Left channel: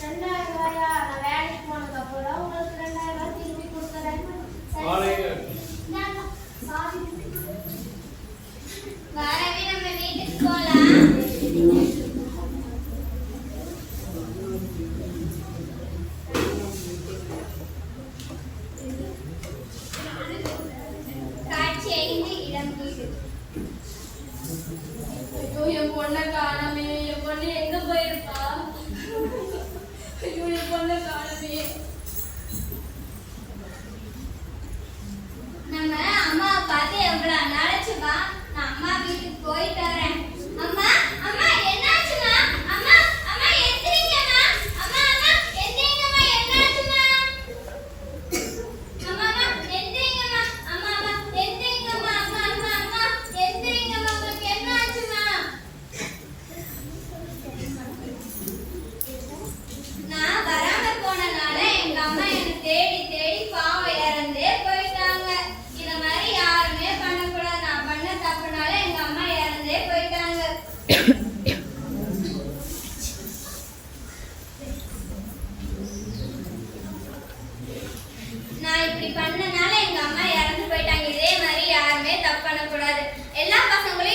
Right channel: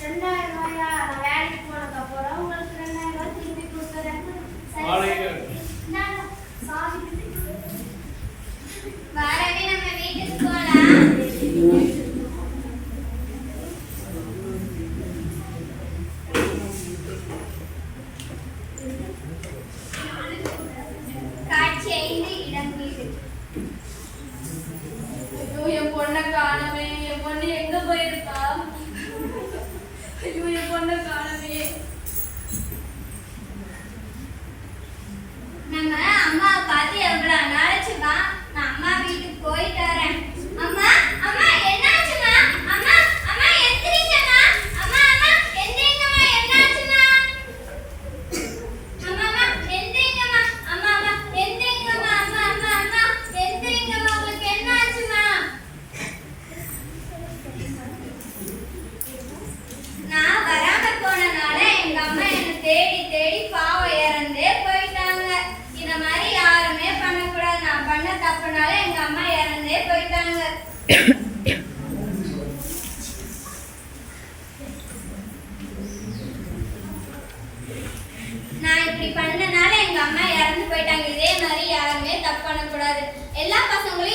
2000 ரூபாயா? நான் வேலைக்கு போனதுக்கு அப்புறம் உங்களுக்கு 2000 ரூபாய் திருப்பி கொடுத்துறேன். வாரவே நம்ம வீட்டுக்கு போலாம். காட்சி 5 இளம் வீடு. ஐயோ என் பொண்ணை காணவே, என் பொண்ணு எங்க போயிருப்பா? ஐயோ என் பொண்ணை காணவே. நம்ம அம்மாவை பார்த்து எவ்வளவு நாளாச்சுமா? நான் அம்மா வீட்டுக்கு போயிட்டு வரேன். அம்மா அம்மா என்னாச்சுமா? அம்மா அம்மா எந்திரிங்கம்மா. அம்மா அம்மா எந்திரிங்கம்மா. என்னாச்சுமா? அம்மா அம்மா எந்திரிங்கம்மா. அம்மா அம்மா எந்திரிங்கம்மா. அம்மா அம்மா அம்மா எந்திரிங்கம்மா. உங்களுக்கு என்னாச்சுமா? நான் வராம போனனால எங்க அம்மா என்னை தேடி தேடி பாவம் இறந்தே போயிட்டாங்க. இந்த மாதிரி யாருமே பண்ணக்கூடாது. நான் பண்ண தப்புனால எங்க அம்மா இறந்தே போயிட்டாங்க. நான் இப்படி பண்ணனால எங்க அம்மா இறந்து போயிட்டாங்க. இதே மாதிரி யாருமே தப்பு பண்ணக்கூடாது. எல்லா பசங்களும்